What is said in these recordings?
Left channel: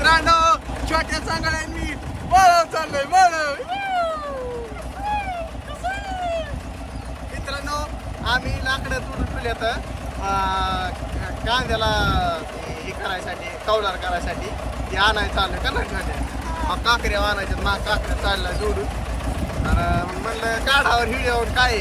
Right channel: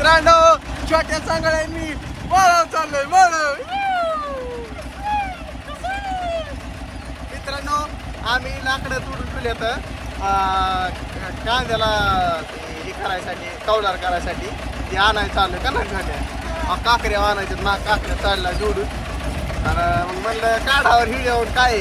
मित्रांनो छोट्या चांगळ्यांनी वळव चाललंय वळव. मित्रांनो आम्ही लाकडं तोडून ठेवले तर कांद्याला हे करायसाठी कौलार करायसाठी ते आणायचं चाललं का ना छोट्या काकऱ्या आणायच्यात ना काकऱ्या चालला जोडून आणि मग म्हणलं काढावर हिड्यावर काय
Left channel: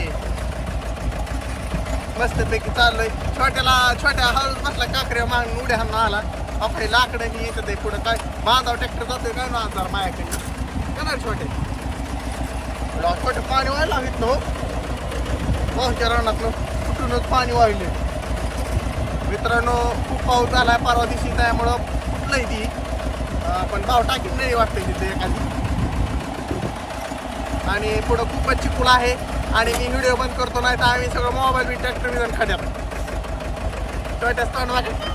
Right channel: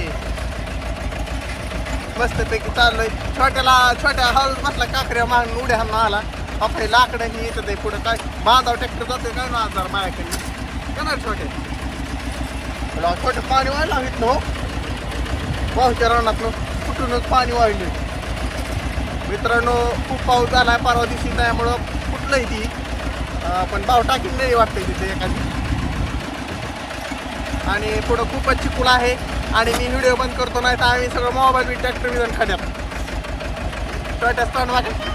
मस्तपैकी चाललोय. छोट्या हळूच बसला काकऱ्या मागून उड्या हाणून आला. आपले लाकडं ही येतं ते पुढं काय माझा ट्रॅक्टर जातोय काय ना हजार माझ्याकडनं का ना छोटे पाणी वाढला इथनं पाऊसच्या रानातनं कुठूनच पाणी वाढलं. मित्रांनो खूप पाऊस झालाय परवा दिवशी त्यामुळं कुठलंही ती पण भाव टाकीन नाही वाटतंय तिथे एखादी. आणि पुढं खूपच चिकूल आहे आणि मी व्हिडिओ बंद करतो नाही तर आम्ही सगळं मोबाईल बी ट्रॅक्टर बी खड्यात छोट्या स्थान वाटत.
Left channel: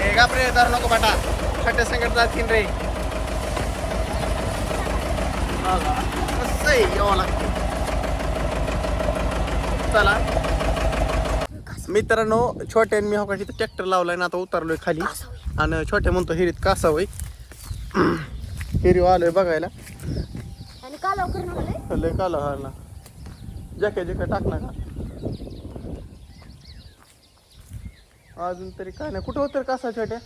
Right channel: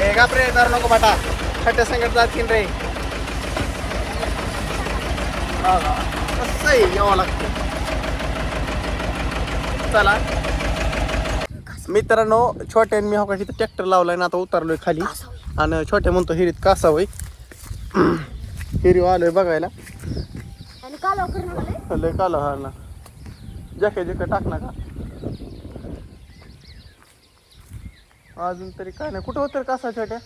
हे गापरे जर नको बाटा छोट्या संकट जातील रे. कसं यावं लागतं. चला मित्रांनो छोट्याने मी हो का तिथं ट्रॅक्टर लावलाय ना आता उतरलोय खाली आणि छोट्या म्हणतो हिरीत कासावय हिरी आलोय बघायला लय कालो हा ना जॅके टाक ना का अजून तरी काय नाही. कुठं होतं कासा छोट्या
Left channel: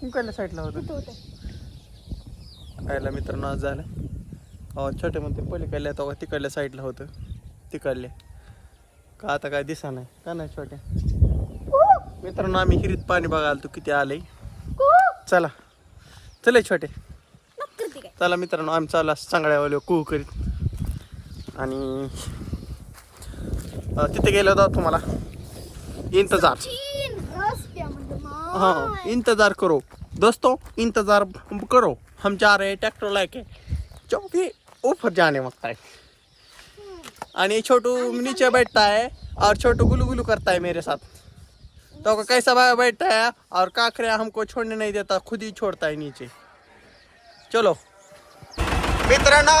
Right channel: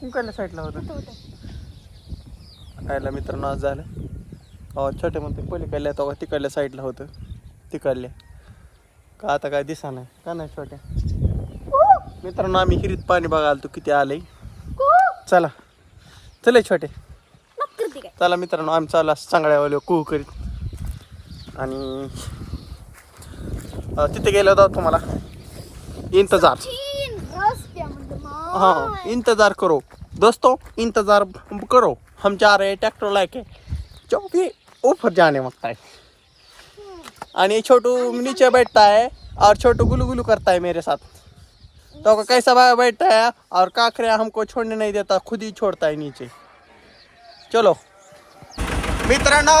कुंकायला साईडला होतं खायला. मित्रांनो आज झालं छोट्या म्हणते पलीकडल्या तो तिकडल्या साईडला होतं तिकडल्या का आता काय दिसा नाही का नाही छोट्या. मित्रांनो आम्ही हिरीत पाणी बघायला तू किती आलंय. चला चले छोटे चला मित्रांनो आम्ही चालला चांगल्यावाले कुहू करीत आणि तिथे गेलो होतो तुम्हाला इंतजार हाँ इंतजार करो दोस्तों इंतजार करो हम जा रहे हैं ट्रैक्टर लाके चौकी ऊपर जाने वक्त है. आणि छोटू नीचे बैठता है और छोटू गुलू गुलू करता है मेरे साथ. तो कैसा बैठता है और काकरिया हमको छोड़ने नहीं देता खुद ही छोड़ता है नीचे. चलो मित्रांनो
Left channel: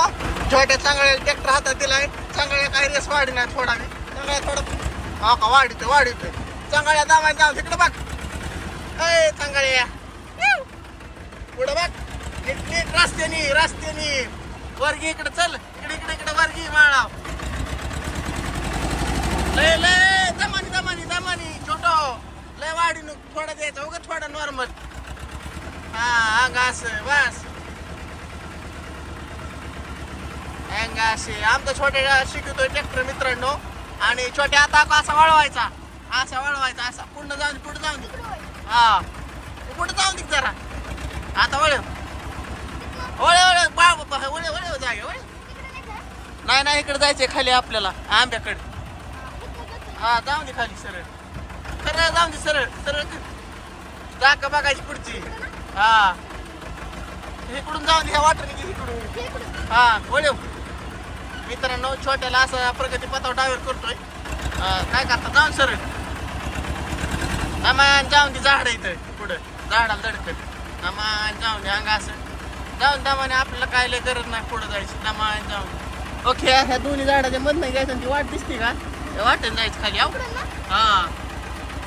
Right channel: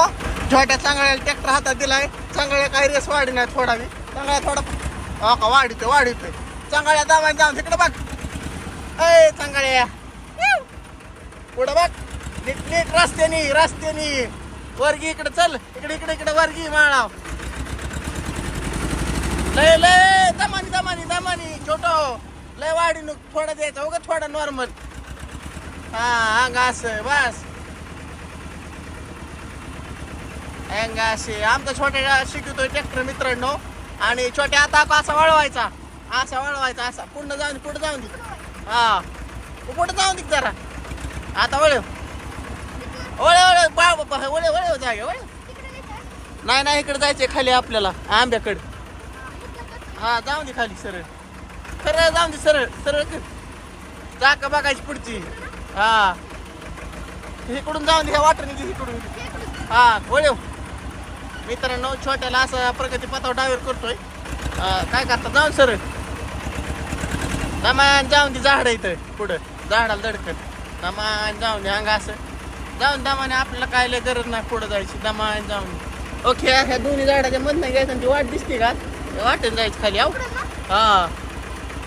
छोट्या चांगल्या ट्रॅक्टर हातात दिलाय. चांगल्या काही रेस वाढी नाही थोडा मी चांगल्या थोडा का वाढीतोय चांगल्या दामाने जाऊन तिकडे बघ. ए चांगल्या पुढं बघ नीट नीट रस्त्यानी वर्गी इकडे चल इकडे वर्गी माळा लय लय दमानी छोटो लय वाढी थोडं द्यायचं उगा थोडं नॉर्मल हा असं बस असे आमचा छोट्या शिकवतोय ट्रॅक्टर मित्रांनो. आणि छोट्या आता असा वळवायचा असा पुढं जाऊन दे हा पुढं जाऊन दे जरा आता वळ जागे नाही इकडे जायचंय खाली आपल्याला आंब्याकडे. हा जाऊन दे खाली सरळ जाऊन दे सरळ चाक बघायची पुढची हा इकडून जाऊन दे ह्या वाटरने इकडून हा वळव. मित्रांनो छोट्याला असं प्रगती पथावर डायव्हर करतोय काय करता जाऊन सरळ दमान जाऊन दे झाड इथं पुढं झाडाला दडकत दमान जाऊन दे अंग असं जाऊन दमाने आपल्याला काय लय गरज नाही पुढं जायची दमान जाऊन दे. ओके ह्या दोन्ही झाडाच्या मधनं घ्यायचं ती वाट दिसते का वाटेन जायचं खाली आव हा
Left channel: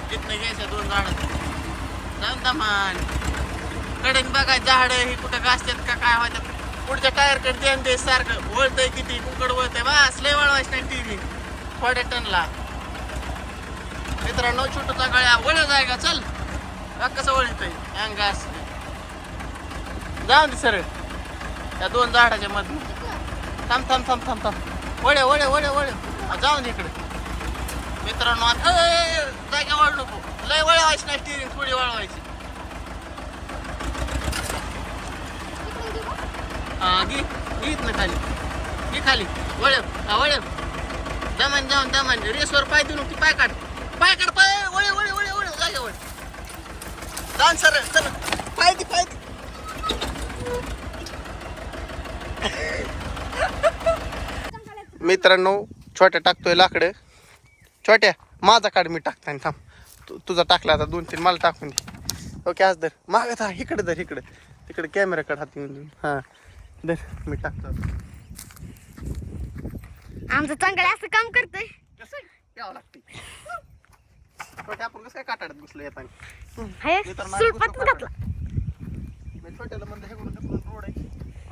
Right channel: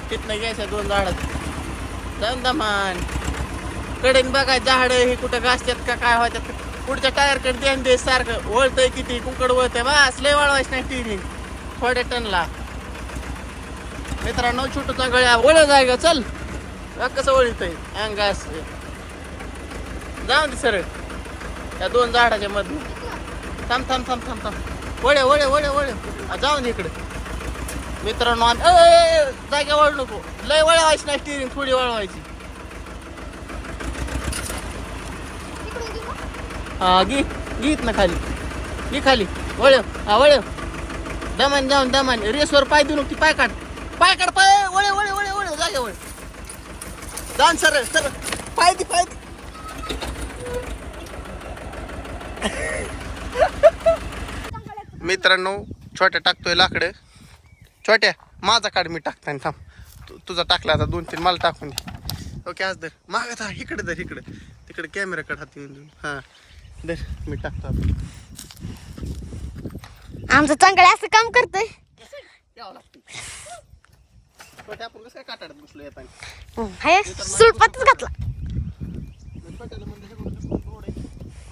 तिथनं घ्यायचं दोन झाडाचं जाऊन दमान कडेन बघायचं झाड ही कुठं घासतात का काय होत्यात पुढच्या टायरकडे ध्यान दे सारखं वळतंय किती कुंकड वळतंय बस लय वळवायचं नाही टिरी थोड्या टनला. मित्रांनो छोटूचा गळ्या वळ जाय का चल कसं वळतंय अंग असं जाऊन दे सरळ त्या दोन झाडाच्या मधून थांब वळे जाऊन दे इकडे. मित्रांनो जाग्या वळ नको लय वळवायची नाही स्टिअरिंग थोडी वळवायची हा गीत ना खाली वळ दमान रेसवर पाय देऊ नको पाय काढ पाय वळ जागे वळ जाऊन सरळ पाय दे मित्रांनो छोट्या टाकतोय लाकडं छोट्या माझा काढ मी टाकताय थांब तुझा टाकला आता 2-3 मला टाकून दे. ओके आज दर माग इकडे तिकडे कॅमेराकडे हात येऊन हा दर मी टाकतो. आमचं चांगलं असं काम करतोय यावं लागते छोट्या आपण कसं काय काटाड्यात बसलो येताना हाय सुळपातच घातला. मी छोट्याला म्हणलं हे कुठं रोड आहे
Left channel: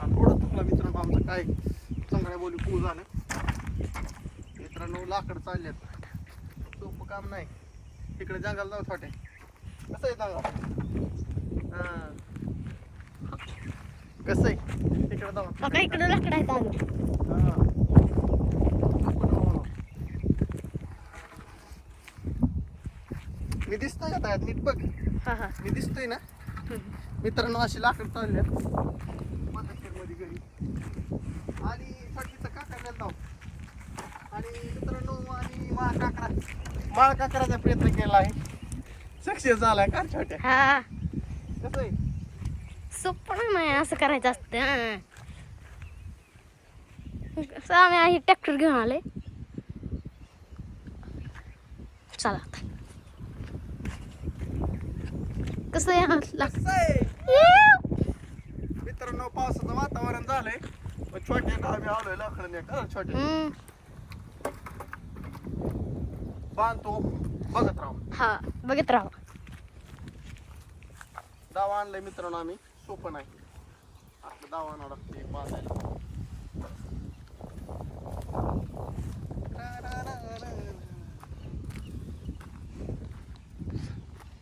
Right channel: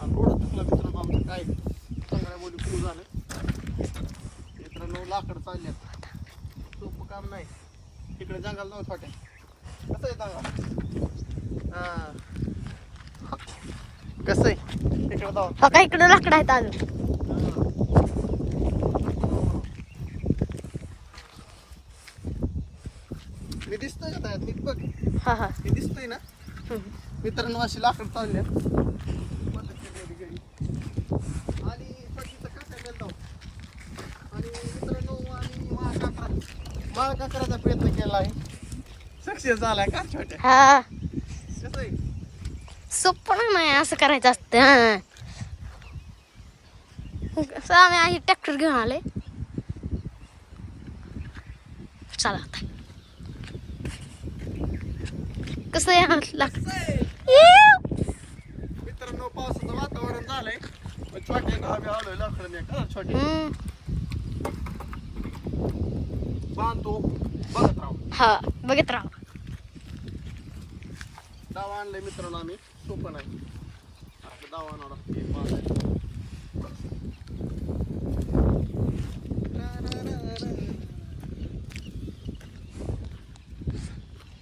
आणि रोडच चुकला मित्रांनो आमचं काय चांगल्या बोली खूप झालं मित्रांनो. लाकड चालल्यात सोपं काम नाही. तिकडे जंगल जाऊ छोट्या कसं आहे जंगल हा कसं आहे तिकडे जाऊ बघा इकडे लाकडं आहेत अजून. मी दिसतोय का त्यात नीट बघ. हा हा मी दिसतोय ना मित्रांनो. अशी लाकड चालल्या आणि सध्याचं काका गेलो आणि मित्रांनो आणि माळ काकराचा प्रयत्न केला आहे. सक्सेस झालाय का छोट्या हा कसं आहे. सोपं नाही असं करायचं असतं. हा असं आम्ही आहे ट्रॅक्टर घेऊन आले. चला आता कसं आहे मित्रांनो पावसाचं वातावरण झालंय पण छोट्या आम्ही आलोय लाकडं खरं छोटे बांधतो बघत राहू. हा बघत राहा. दावा आणलाय मित्रांनो आम्ही. सोपं नाही आपलं दावा आणावं लागते बांधायला.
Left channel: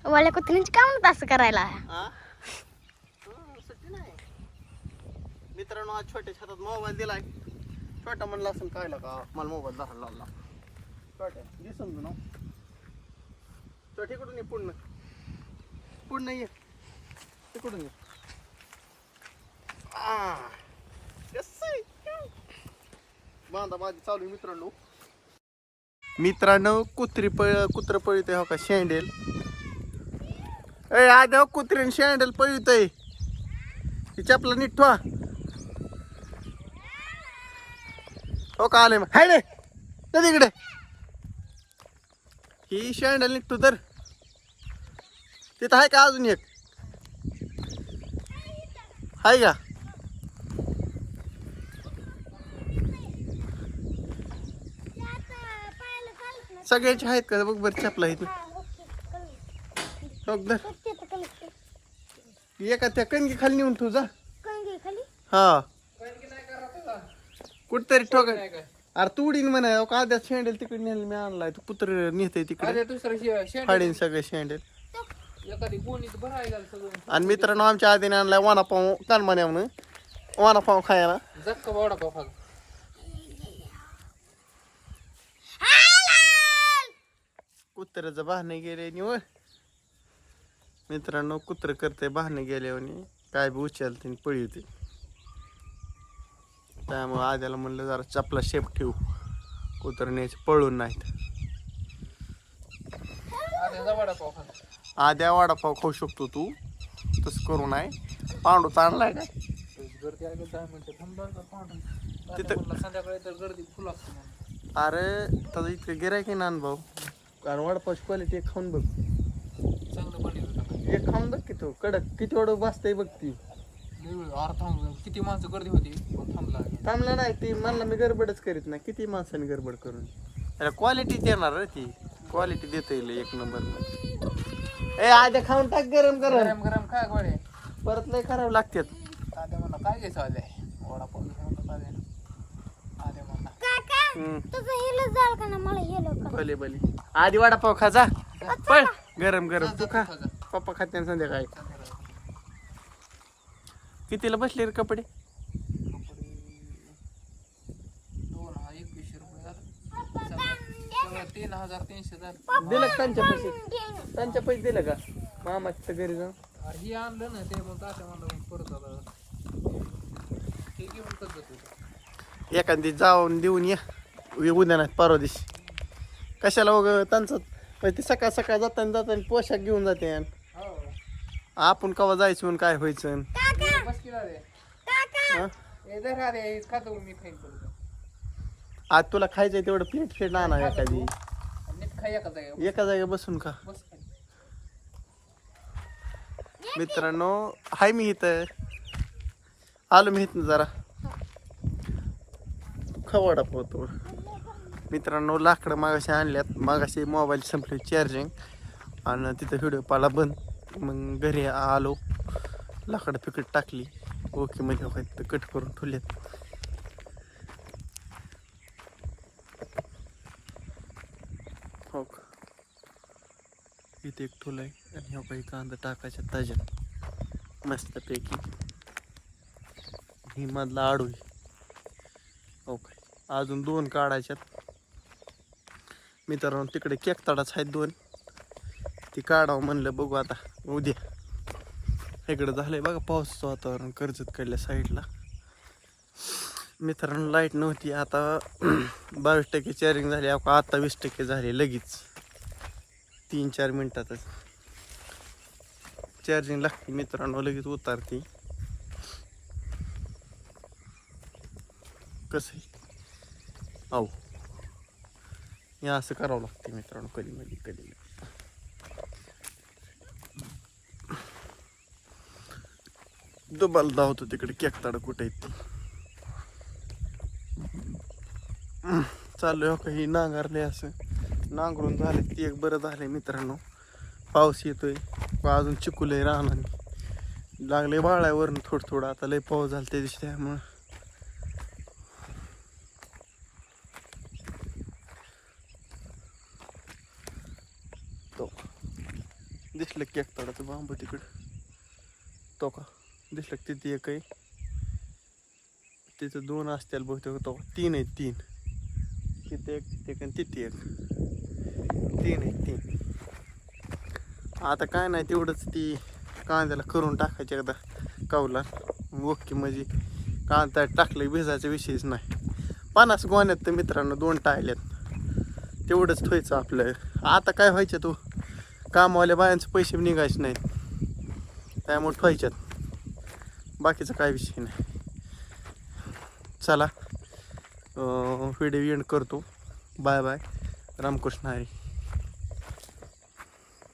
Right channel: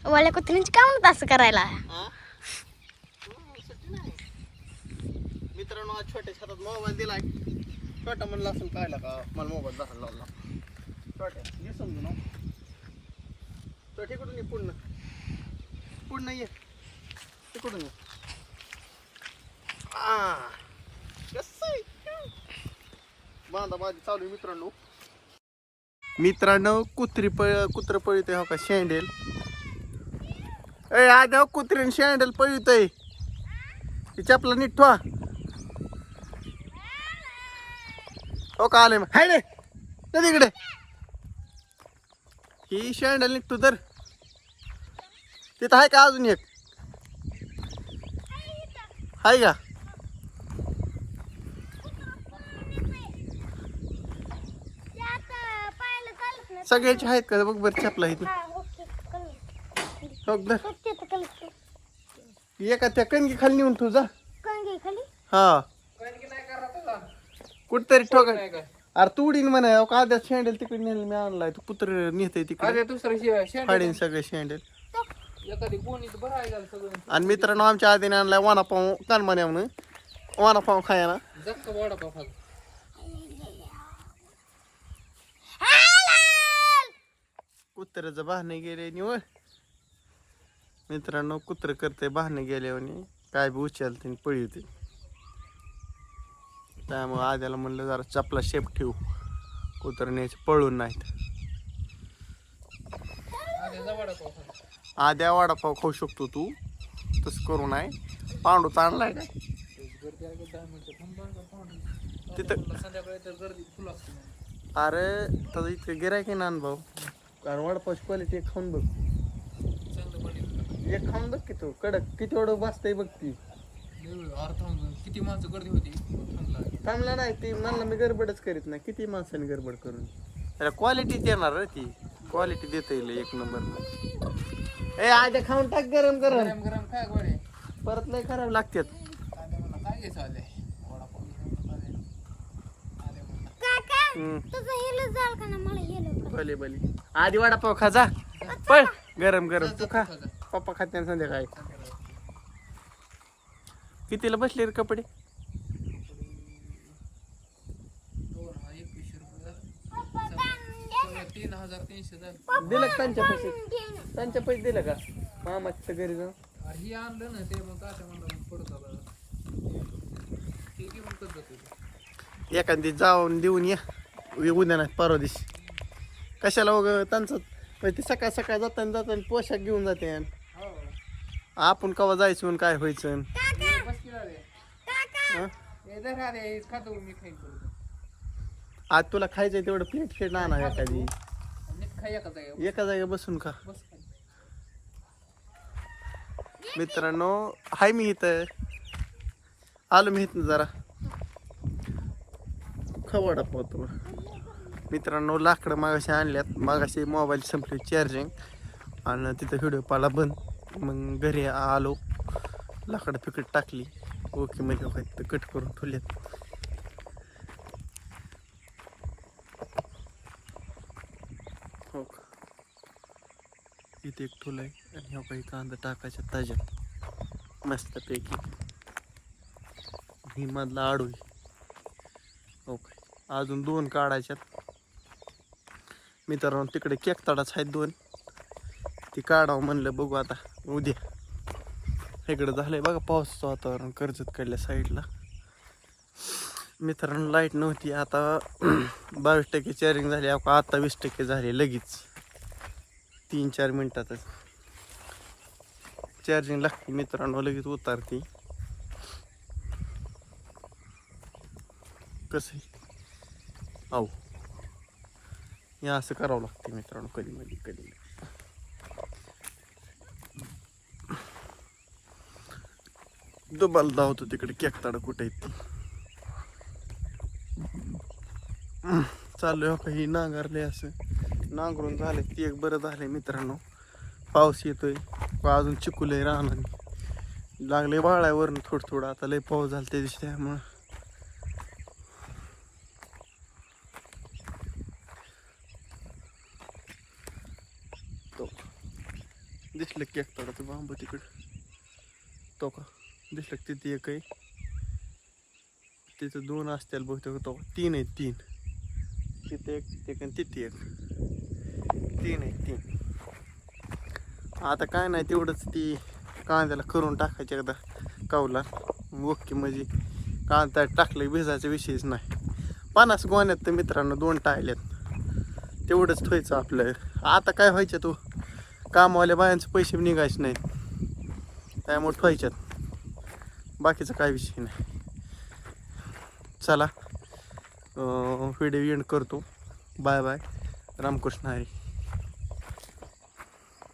वाल्या कुत्र्यांची काय म्हणत असं करायला. सुट्टी नाही मित्रांनो. आज छोट्याच्या हातात मोबाईल दिलाय. छोटा म्हणला असं कळलं का मला मोबाईल दाखवला लागला. छोट्या घे समजू ना छोटे कुठून ये पूर्ण ये तिकडून ये. बांधा माझी चालू आहे मित्रांनो. कुत्र पळतय हो का शेंडेल. ए आधी हो कुत्रीन शेंडेल पळतय. तिची आपला नीट ठेवा हो का आले मग हाय रे तिकडे. ही शेंडेल निघतो तर तिथं आहे का अजून एक आहे का. सगळ्याचे आहेत का बघ बरं चपला इथं हो धर. एका त्या कणकी खाली नेऊन तुझा हा कुठतरी ठोका. अरे तू उडीन म्हणा का आद्या शेंडेल तिकडे नेल मी आणलाय. तू कुत्र नेते तिकडे फाडीन सगळे शेंडेल. आणि मित्रांनो आमच्या आधीने आणलाय वडापाव कानमान्या म्हणून वडापाव खायला. कुत्र्याचं बहाणे गेले निवड मित्रांनो. कुत्र करते बहाणे गेल्याने काय बी उचलते पळी होते. त्यामुळे आद्याला म्हणलं जरा चपला शेप ठेवू कुत्र न्यायचं पळून नाहीत. आद्या वडापाव खाऊ शकतो तू तसं करू नाही. पांडू आणलाय काय तिथं. अरे त्याचं इतकं गिरायक आहे ना भाऊ. कारण वडापावची क्वालिटी एक खाऊन बघ. एक खाऊन बघ की तू कडक किती एवढं बसतंय बघ. ती किती माणसं गर्दी होती थांबला नाही. ती म्हणला मी गडबडच करीत नाही. किती माणसाने गडबड करून त्याला क्वालिटी देणार रे. ती क्वालिटी देता येईल एक नंबर. ए आद्या खाऊन टाक गरम गरम गरम काय गोळे परत लय खराब लागतात. काय घ्यायचं आले वडापाव भले भले आधी वडापाव खा जा पळ गरम गरम. तू खा पप्पा खाते ना संध्याकाळी. कितीला बसले रे कपडे. 3,300 दिलं का त्यांच्या पैसे दिलं का मामाच्या घरी जाऊन. ही आणलं ना ते मग तात्या म्हणलं परत आला ते घेऊन कसं एखादी जाऊन देऊन या उद्या नाही परवा दिवशी. कशाला वगैरे त्यांचं ते सकाळ सकाळ जाताना पोशाख घेऊन जाते. आपण कवा जायचं आणि काय व्हायचं. आज तुला खायचंय तेवढं प्लेट फेट आणा एखादी. एका जागी बसून खा. मित्रांनो हाय मी इथं आलो. मी इथं जरा खवडा पोहतो मित्रांनो. लाकडं मागाशी आणल्यात. मागाशी मोबाईल संपली चार्जिंग आणि तिथं व्हिडिओ पाला बंद. मग घरी आलो, लाकडं पिकट टाकली, ओके म्हणजे काय कट करून ठेवलेत. हो का, इथे एक ठुला आहे आणि ह्या काही कांदा टाकायच्या ताज्यात मस्तपैकी. ही मधला आडू आहे. हो काय, अजून 2 काढायच्यात मित्रांनो. तिकडे केकताडाच आहेत 2, ती काढावं म्हणलं. बघू आता उद्या. इकडं झालंय बघा पावसाचं वातावरण कर्जत कडल्या साईडला. मित्रांनो लाईट नव्हती, आता 22% चार्जिंग झाली. आता 20% झाली लगेच 3-4 मिनिटातच चार्जिंग लागते मित्रांनो, लगेच उतारते. कसं आहे अहो, हे असं करावं लागते मित्रांनो कधी. दुबाला धावतो तिकडे केकताड कुठे आहेत चालू आहे काही नांगरले. असं नांगरून झाले ती एक बरं झालंय मित्रांनो. पाऊस येतोय, अजून चिकुलय राहणार लागले वाळावरून थोडं. आता लय पाऊस झाला त्या दिवशी, त्यामुळं दिसलं केकताडाचं बांब तिकडं. तो का दिसलं तिथे एक आहे, तिथं 2 असतील बहुतेक. तो 3 आहेत, 3 तिथे एक आणि तिथे एक, 3 आहेत 3. आता काय नाही, तेवढंच ती कांद्याला करून टाकायची एकदा कावला ओके म्हणजे कांदा टाकलं भिजायचा विषयच नाही. 50 गोण्यात तर मित्रांनो 2 टाळल्यात, तेवढंच ठेवायचं आपलं. आता काय व्हायचं, तो कामवाल्या बायांचे पैसे निघायचे नाहीत, त्यामुळे ठेवायच्यात, बाकीचा काय विषय नाही. चला व्हिडिओ एंड करतो. Bye bye, Ramkrishna Hari.